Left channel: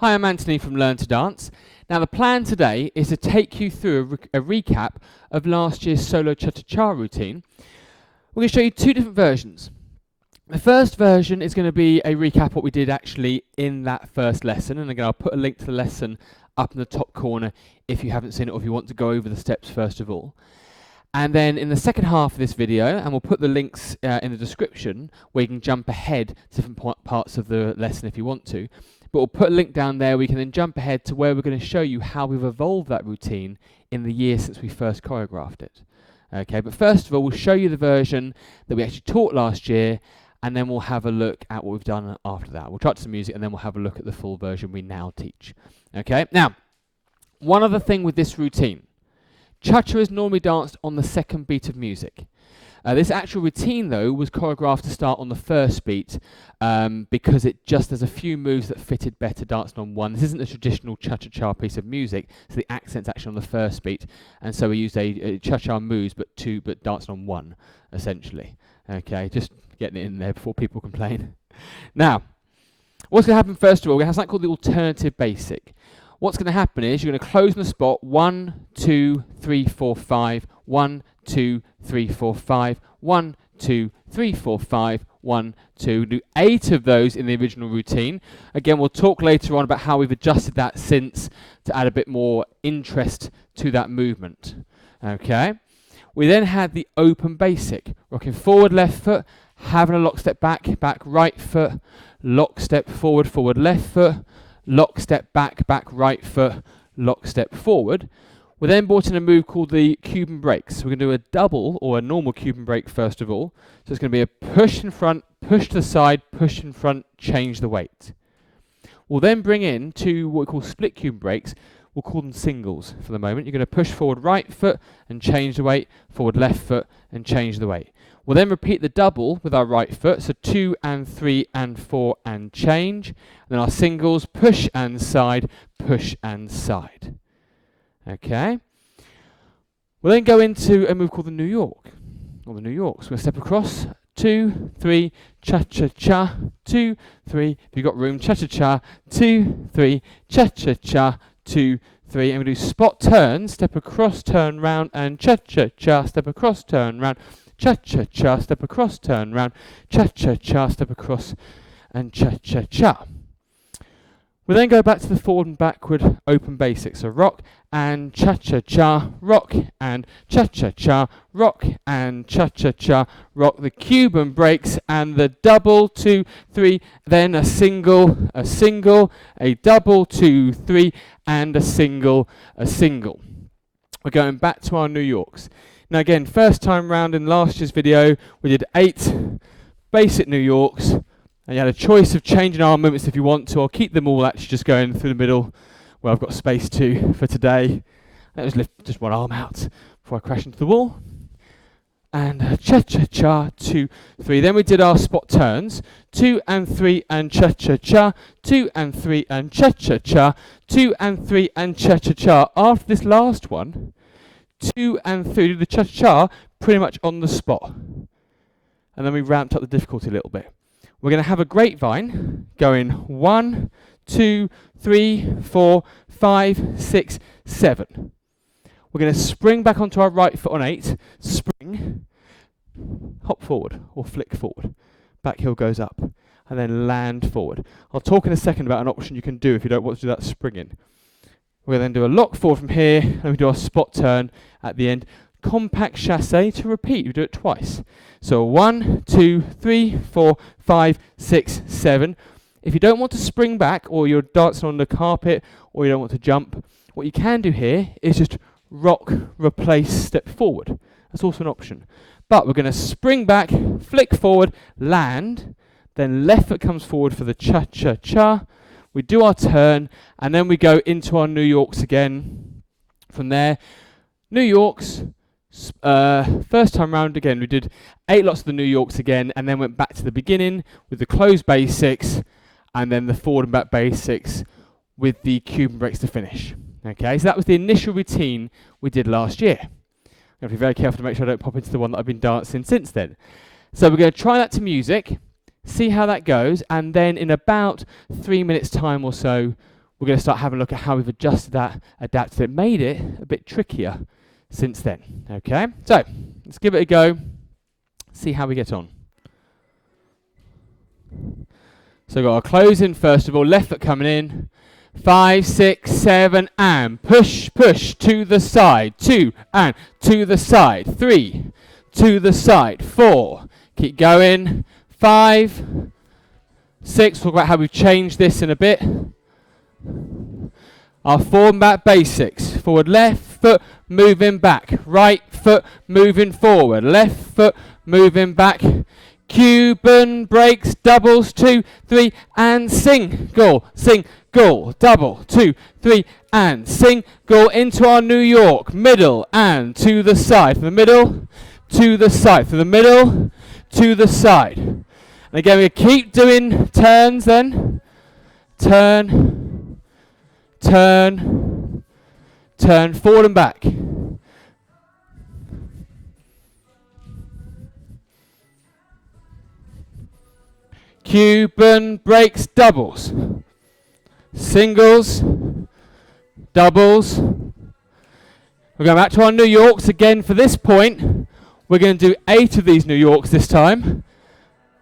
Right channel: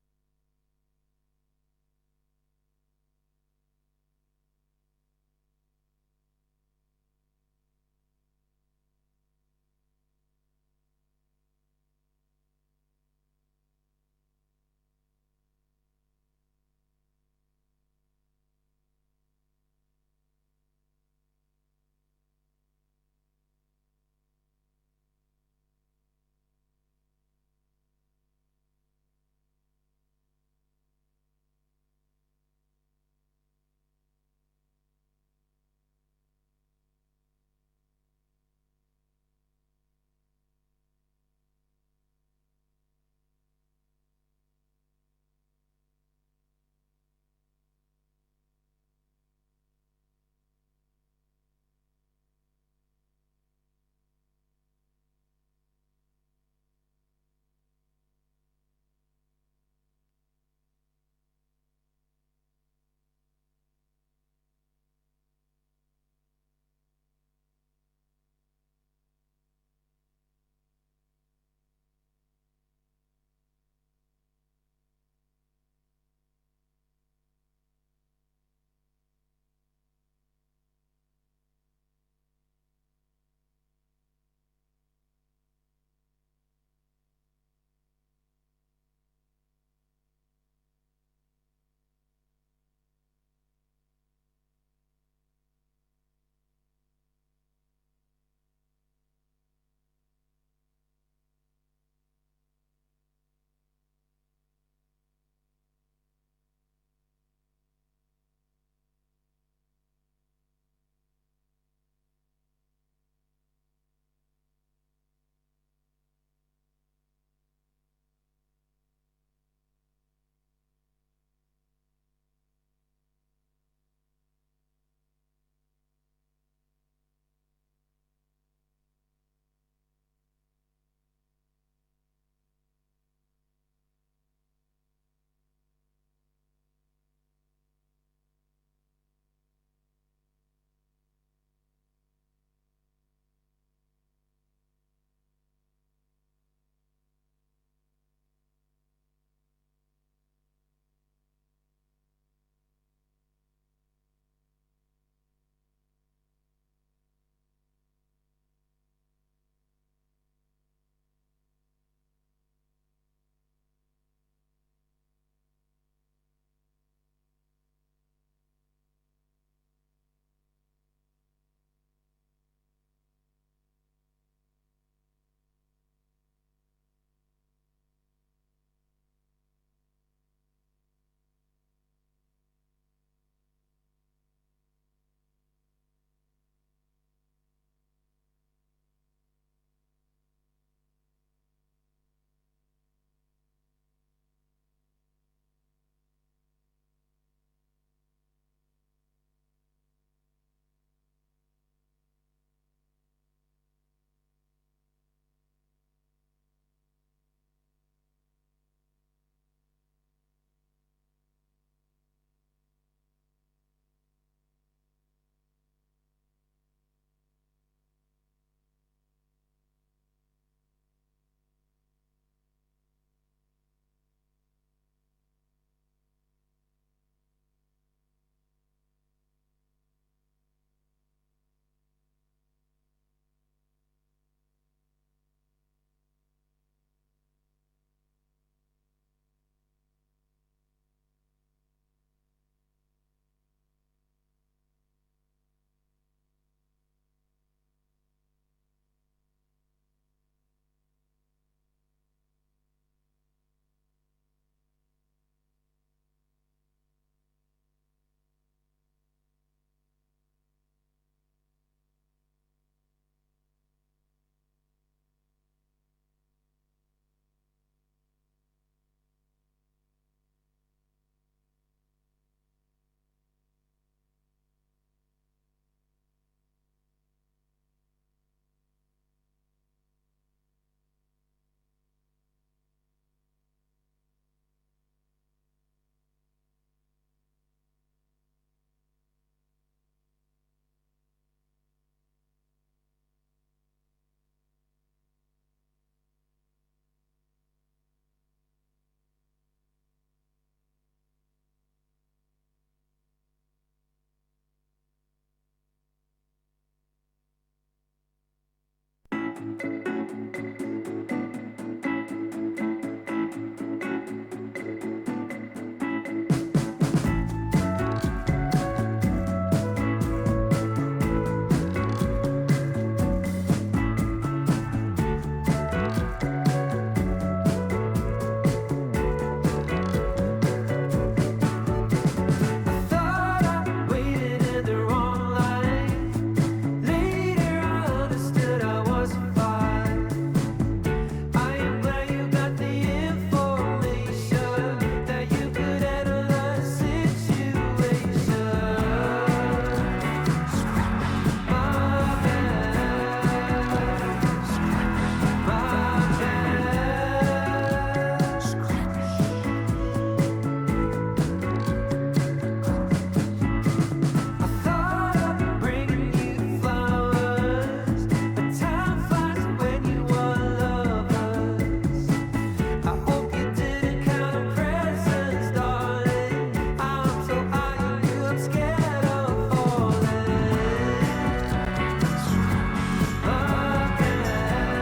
Hi, I'm Anthony from Learn to Dance. Now the plan today is to take you through a recap of last year's solo cha-cha-cha routine. We're going to show you two different versions. The first version is going to be a recap of what we did actually in that first lesson, and again I'll put a link to the lesson up in the top corner if you haven't seen it or if you want to go over the steps first of all. And then in the second half of this video, and we'll put the links in the description where you can jump ahead to different parts of the lesson if you want to. But we'll put a link down there where you can then jump ahead to where we're going to show you how we've evolved that routine in the year since we first choreographed it. Okay, but first of all, we'll show you the version that we actually taught last year, and then we'll have a look at what we've done after that. We'll try some music, and then we'll have a look at the full version we now teach. Okay, now, one other thing with this routine. Cha-cha is normally danced on the second beat of music. This actual routine, though, was choreographed to start on the first beat because there's a few moves that fitted better dancing on one. This isn't a traditional cha-cha-cha piece of music, so the accent's actually on the first beat, and so we used a cha-cha moves, but dancing on one, essentially. Okay, just getting it in there before people complain. Now, what's going to happen first of all, we have something called the alternative basic. What's going to happen is you're going to close on the spot 1, 2, 3, 4, 5, 1, 2, 3, 4, 5, 1, 2, 3, 4, 5, 1, 2. Do 8 of those in the original routine. Again, we'll talk later on about how we've adjusted that since to add a bit more interest to that movement. Okay. We then had the open basic. Rocking forward, left foot, having a lock step back, back right foot, lock step forward, forward left foot, lock step back, back right foot, lock step forward. We then brought in a move called the Cuban Breaks. So we're going to do a double or a normal Cuban break first of all. So it's going to be a push in front, push to the side, push in front, change the weight. We'll then bring in two what we call split Cuban breaks. We'll call them singles for the moment. You're going to push forward right foot and change the weight, forward left foot and change the weight. We'll then repeat the double with our right foot, so 2 and 3 and 4 and change. And then our singles, push and side, push and side. Okay. We'll then go into a move called the New York, or the New Yorks. We're going to step across, 2, 3, cha-cha-cha, 2, 3. If you've got room, cha-cha-cha, 2, 3, cha-cha-cha, 2, 3. And we do spot turn, step across, turn round, and cha-cha-cha, step across, turn round. Cha-cha-cha, step across, turn round, cha-cha-cha, step across, and cha-cha-cha. We then go back to the forward and backward open basics. So rock and cha-cha-cha, rock and cha-cha-cha, rock and cha-cha-cha, rock the Cuban breaks and the double, 2, 3, then a single, a double, 2, 3, and a single, We're going back to our New Yorks. Now again, first time round in last year's video, we did 8 basic New Yorks, and you had a choice of changing arm movements if you want to. I'll keep them all actually just going through the middle where I've got space to for today. Let's lift just one arm out before I crash into the wall. And cha-cha-cha, 2, 3. Then we did our spot turns, 2 and 3 and cha-cha-cha, 2 and 3 and cha-cha-cha, 2 and 3 and cha-cha-cha. After this last one, 2 and 3, do the cha-cha pretty much on the spot. And then we ramped up the difficulty a little bit. We're going to have a grapevine going 1, 2, 3, 4, 5, 6, 7. We're going to spring back onto our right foot on 8, spring, hop forward or flick forward. Back heel goes up and then land forward. I'll talk in a second about an option you can do if you don't want to do that springing. We'll then do a lock forward from here, and we do our spot turn at the end. Compact chassé to repeat. We do it twice. So 1, 2, 3, 4, 5, 6, 7. If you don't want to spring back, or you're dancing on the carpet, or you don't want to jump, what you can do here is just rock, replace, step forward. That's also an option. But we're going to spring back, flick forward, land, then left foot comes forward for the cha-cha-cha. We do our turn, and then we go into our New Yorks again. From there, New Yorks, first time round again, we did 8 lots of the New Yorks again, and then went back to the beginning with the closed basics, and then the forward and back basics with the Cuban breaks to finish. Okay, so that was the initial routine we did last year. I'm going to be very careful to make sure I don't pop into the one that I've been dancing since then. So we're going to try that to music, see how that goes, and then in about 3 minutes time or so, we're going to start having a look at how we've adjusted that, adapted it, made it a bit trickier since then. Okay, so let's give it a go, see how we get on. So we've got our close in first of all, left foot coming in, 5, 6, 7, and push, push, to the side, 2, and to the side, 3, to the side, 4, keep going, 5, 6, talk about how we've changed this in a bit. Our forward and back basics, forward left foot, moving back, right foot, moving forward, left foot, moving back, Cuban breaks, doubles, 2, 3, and single, double, 2, 3, and single into our New York, middle, and to the side, from the middle, to the side, from the middle, to the side. And again, we keep doing turns then, turn, turn, turn, forward and back. Cuban breaks, doubles, singles, doubles. We're going back to our New Yorks again for this point. We're going to do 8 of these New Yorks this time.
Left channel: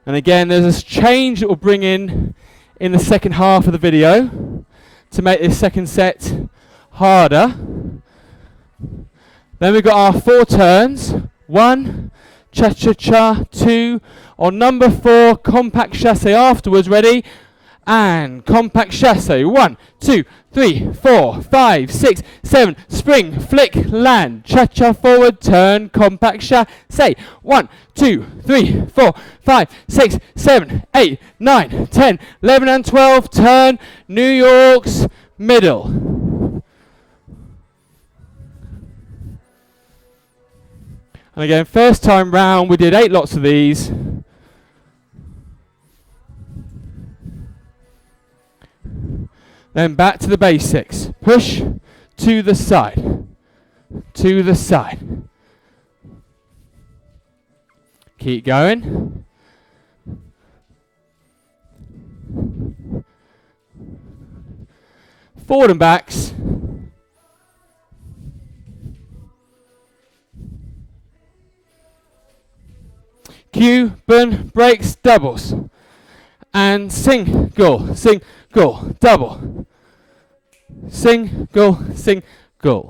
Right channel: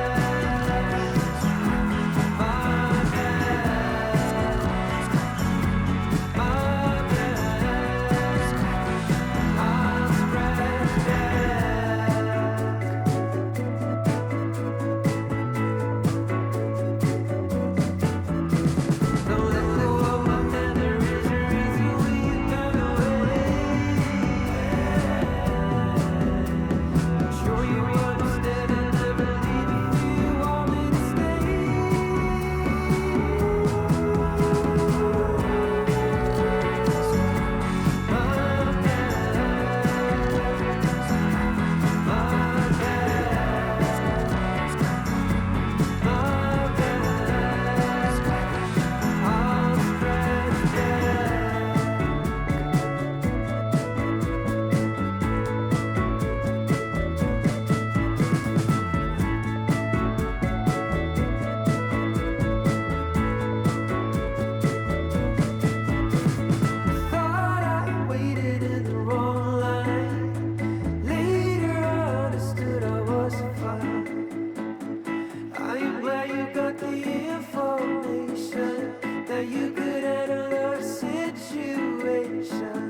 And again, there's this change that we'll bring in the second half of the video to make this second set harder. Then we've got our 4 turns. 1, cha-cha-cha, 2, on number 4, compact chassé afterwards, ready? And compact chassé, 1, 2, 3, 4, 5, 6, 7, spring, flick, land, cha-cha forward, turn, compact chassé, 1, 2, 3, 4, 5, 6, 7, 8, 9, 10, 11 and 12, turn, New York's, middle. And again, first time round we did 8 lots of these. Then back to the basics. Push to the side. To the side. Keep going. Forward and backs. Cuban breaks, doubles. And single, single, double. Single, single.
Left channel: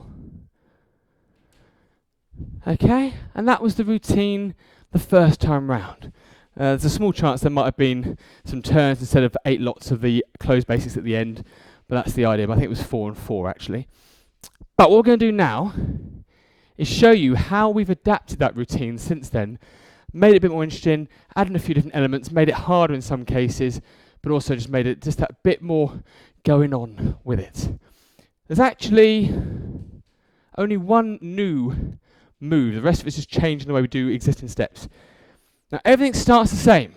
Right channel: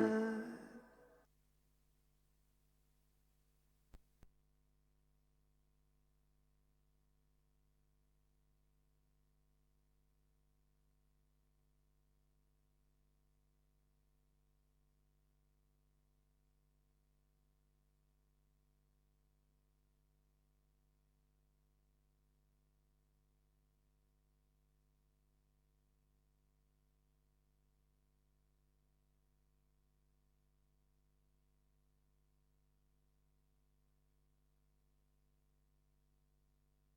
Okay, and that was the routine the first time round. There's a small chance there might have been some turns instead of 8 lots of the closed basics at the end, but that's the idea. But I think it was 4 and 4 actually. But what we're going to do now is show you how we've adapted that routine since then, made it a bit more interesting, added a few different elements, made it harder in some cases, but also just made it just that bit more going on with it. There's actually only one new move. The rest of it's just changing the way we do existing steps. Now everything starts the same.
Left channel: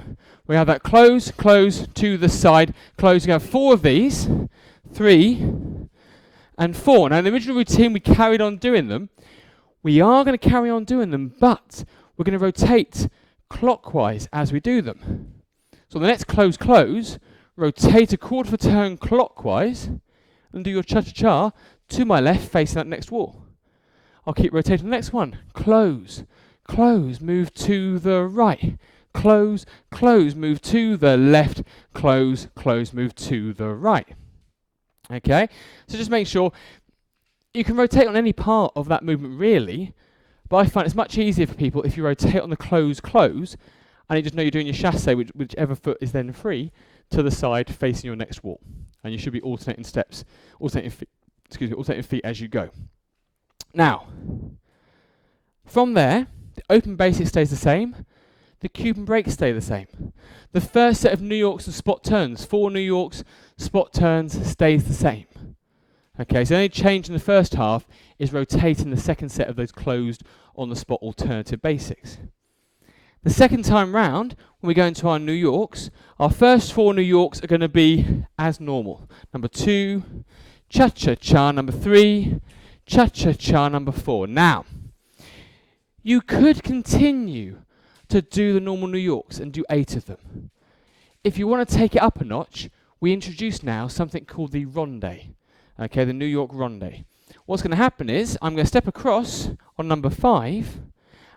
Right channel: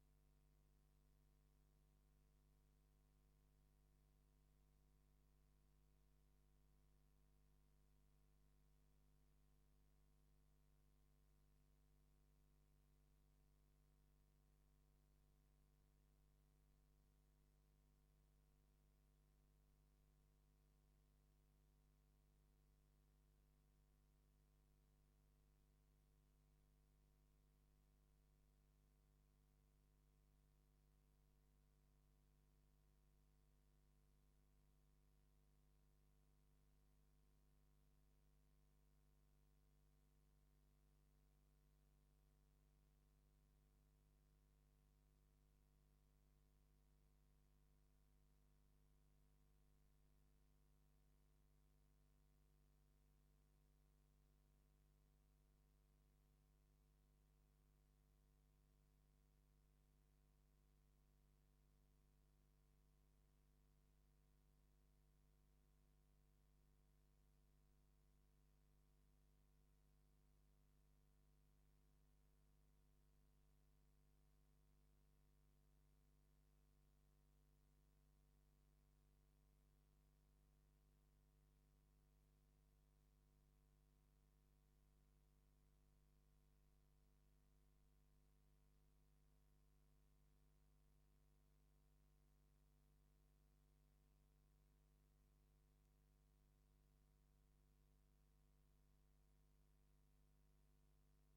We have that close, close, to the side, close. We have 4 of these, 3 and 4. Now in the original routine we carried on doing them. We are going to carry on doing them, but we're going to rotate clockwise as we do them. So the next close, close, rotate a quarter of a turn clockwise and do your cha-cha-cha to my left facing that next wall. I'll keep rotating the next one. Close, close, move to the right. Close, close, move to the left. Close, close, move to the right. Okay, so just make sure you can rotate on any part of that movement really, but I find it's much easier for people if you rotate on the close, close, and you just know you're doing your chassé, whichever foot is then free, to the side facing your next wall. And you should be alternating steps, alternating feet as you go. Now, from there, the open basic stays the same, the Cuban breaks stay the same. The first set of New Yorks and spot turns, 4 New Yorks, spot turns, stays the same. Okay, so the only change in the first half is rotating the second set of those closed on the spot alternative basics. The second time round, when we go into our New Yorks, our first 4 New Yorks are going to be as normal. Number 2, cha-cha-cha, number 3, cha-cha-cha, number 4. Now, you could continue to do the normal New Yorks and do 8 of them. If you want to take it up a notch, we introduce now something called the rondé, okay, the New York Rondé. What's going to happen is I'm going to step across on number 5,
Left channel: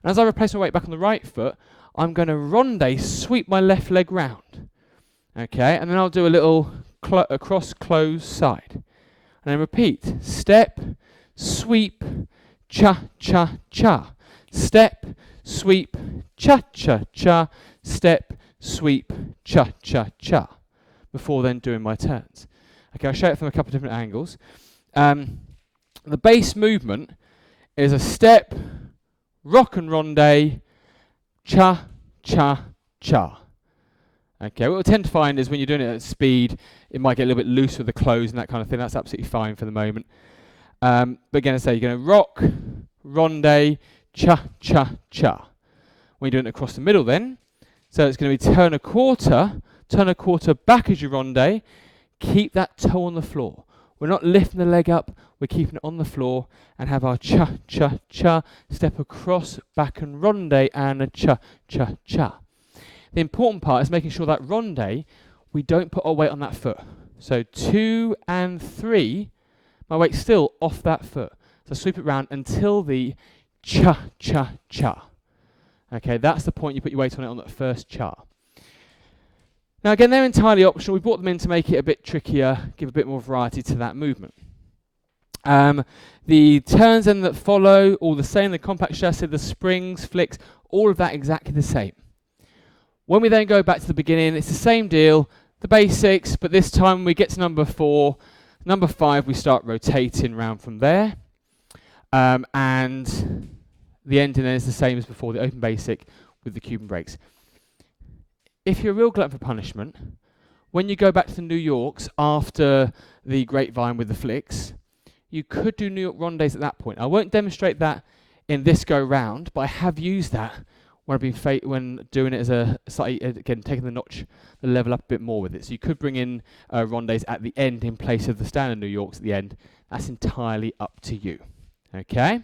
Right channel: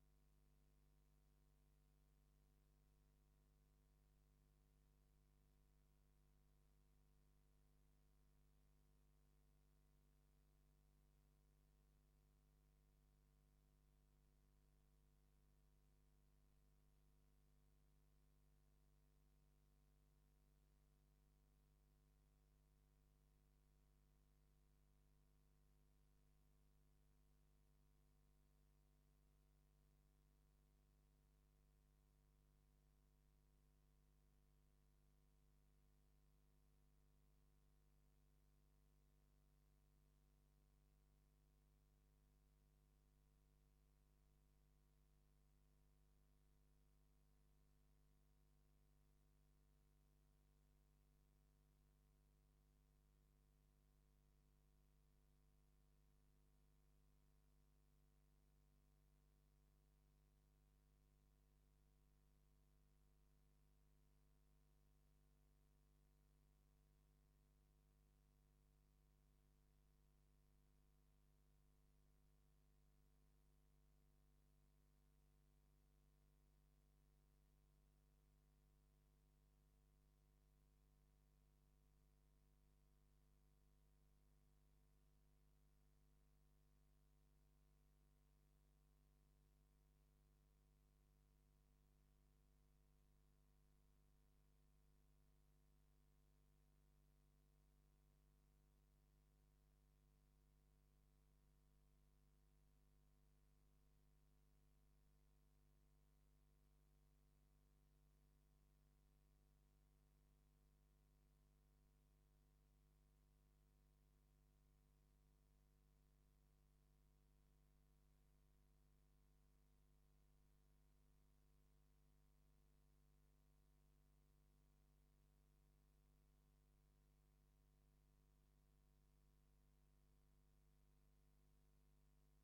and as I replace my weight back on the right foot, I'm going to rondé, sweep my left leg round, okay, and then I'll do a little across, close, side, and then repeat, step, sweep, cha, cha, cha, step, sweep, cha, cha, cha, step, sweep, cha, cha, cha, before then doing my turns. Okay, I'll show it from a couple of different angles. The base movement is a step, rock and rondé, cha, cha, cha. Okay, what we'll tend to find is when you're doing it at speed, it might get a little bit loose with the close and that kind of thing. That's absolutely fine for the moment. But again, I say you're going to rock, rondé, cha, cha, cha. When you're doing it across the middle then, so it's going to be turn a quarter back as you rondé, keep that toe on the floor. We're not lifting the leg up, we're keeping it on the floor, and have our cha, cha, cha, step across, back and rondé, and a cha, cha, cha. The important part is making sure that rondé, we don't put our weight on that foot. So 2 and 3, my weight's still off that foot. So sweep it round until the cha, cha, cha. Okay, that's the point you put your weight on it on that first cha. Now again, they're entirely optional. We brought them in to make it a bit trickier, give a bit more variety to that movement. The turns then that follow, all the same, the compact chassé, the springs, flicks, all of that exactly the same. When we then go back to the beginning, it's the same deal, the basics, but this time when we get to number 4, number 5, we start rotating round from there. And the ending then is the same as before, the open basic with the Cuban breaks. If you're a real glutton for punishment, when you go back to the New Yorks after the grapevine with the flicks, you could do New York Rondés at that point. I won't demonstrate that in this go round, but I have used that when I've been when doing it as a slightly, again, taking the level up a bit more with it. So you could bring in Rondés at the end in place of the standard New Yorks at the end. That's entirely up to you. Okay?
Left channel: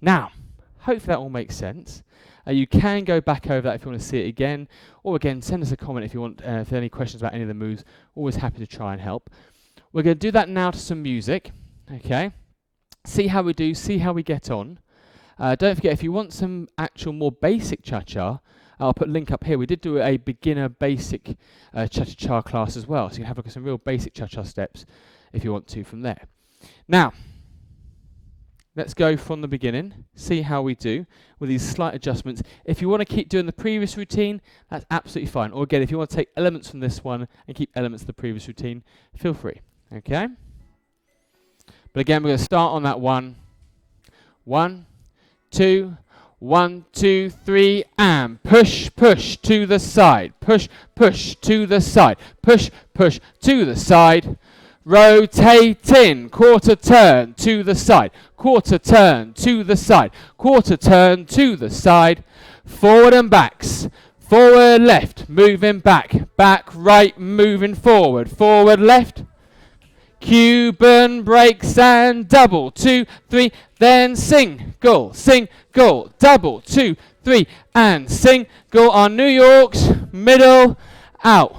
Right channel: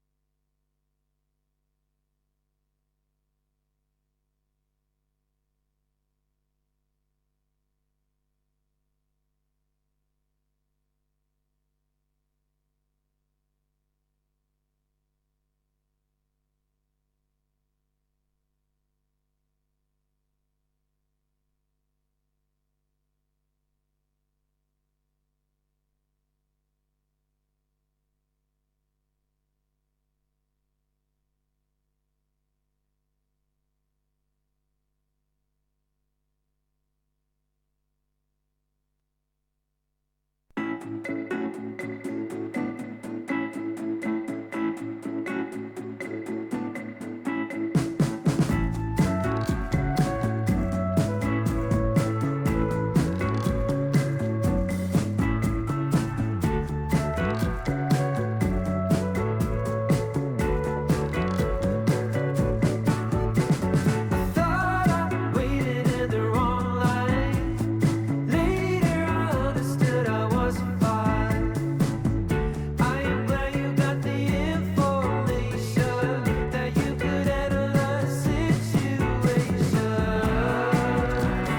Now, hopefully that all makes sense. You can go back over that if you want to see it again, or again, send us a comment if you want, if there are any questions about any of the moves. Always happy to try and help. We're going to do that now to some music, okay? See how we do, see how we get on. Don't forget, if you want some actual more basic cha-cha, I'll put a link up here. We did do a beginner basic cha-cha-cha class as well, so you can have a look at some real basic cha-cha steps if you want to from there. Now, let's go from the beginning, see how we do with these slight adjustments. If you want to keep doing the previous routine, that's absolutely fine. Or again, if you want to take elements from this one and keep elements of the previous routine, feel free, okay? But again, we're going to start on that 1, 1, 2, 1, 2, 3, and push, push to the side, push, push to the side, push, push to the side, rotating, quarter turn to the side, quarter turn to the side, quarter turn to the side, forward and backs, forward left, moving back, back right, moving forward, forward left, Cuban breaks and double, 2, 3, then single, single, double, 2, 3, and single on New York's, middle, out,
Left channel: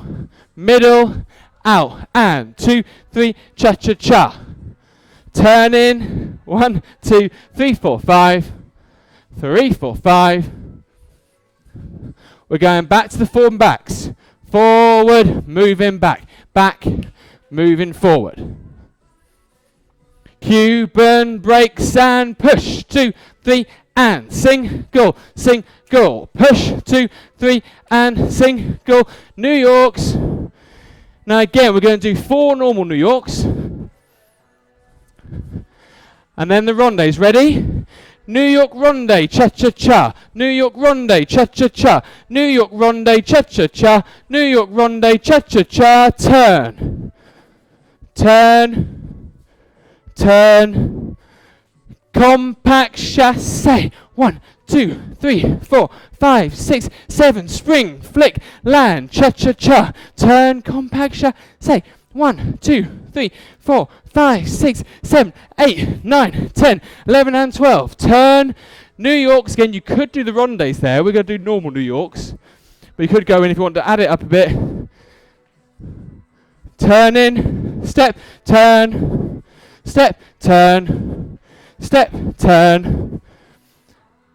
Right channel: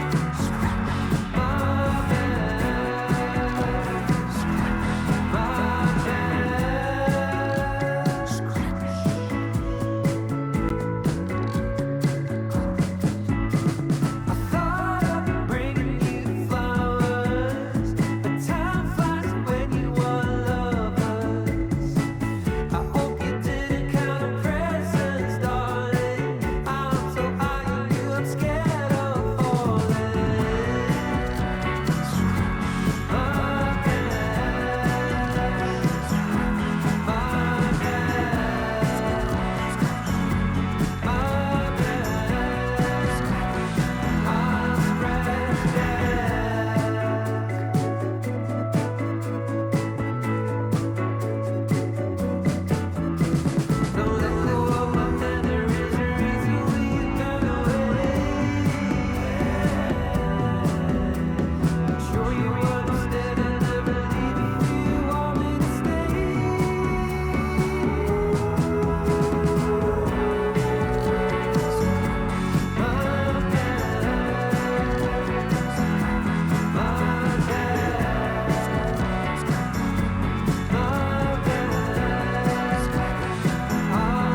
and 2, 3, cha-cha-cha, turning, 1, 2, 3, 4, 5, 3, 4, 5. We're going back to the forward backs. Forward, moving back. Back, moving forward. Cuban breaks and push. 2, 3, and single, single. Push, 2, 3, and single. New Yorks. Now again, we're going to do 4 normal New Yorks. And then the rondés. Ready? New York Rondé, cha-cha-cha. New York Rondé, cha-cha-cha. New York Rondé, cha-cha-cha. New York Rondé, cha-cha-cha. Turn. Turn. Turn. Compact chassé. 1, 2, 3, 4, 5, 6, 7. Spring, flick, land, cha-cha-cha. Turn, compact chassé. 1, 2, 3, 4, 5, 6, 7, 8, 9, 10, 11 and 12. Turn, New Yorks. Again, you could do the rondés there. We're going to do normal New Yorks. We could go in if you want to add it up a bit. turn in, step, turn, step, turn, step, turn.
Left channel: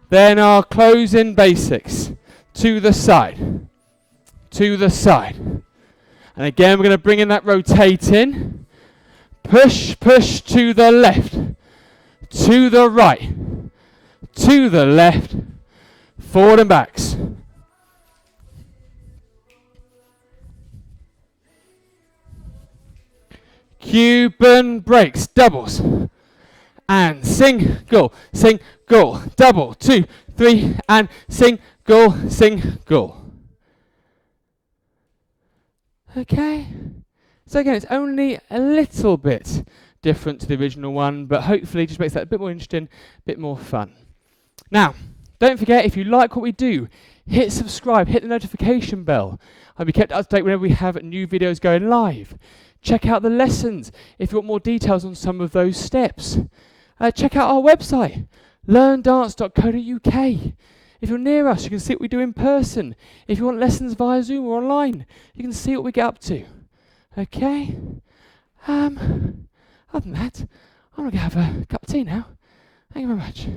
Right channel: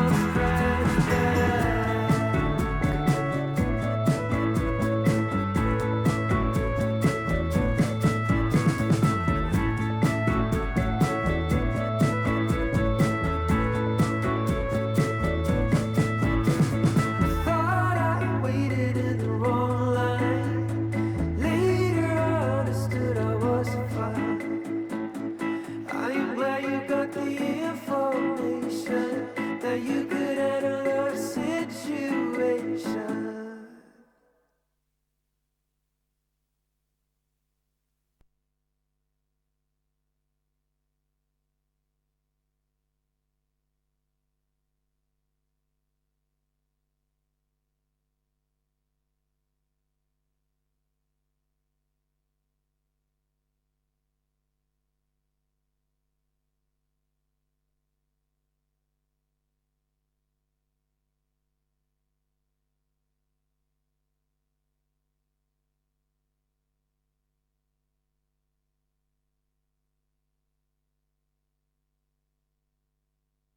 Then our closing basics. To the side, to the side. And again, we're going to bring in that rotating. Push, push to the left, to the right, to the left, forward and backs. Cuban breaks, doubles. And single, single, double, 2, 3, and single, single. Okay. So again, it's only a little bit different to the original one, but hopefully just makes that a bit more interesting, a bit more fun. Now, don't forget, if you like what we do, hit subscribe, hit the notification bell. I'll be kept up to date whenever we have new videos going live. Check out the lessons if you want more details on some of those steps. Check out our website, learndance.co.uk. If you're near us, you can see what we do in person. If you want lessons via Zoom or online, you can see what we get up to. Okay? Other than that, I'm going to have a cup of tea now. Thank you very much.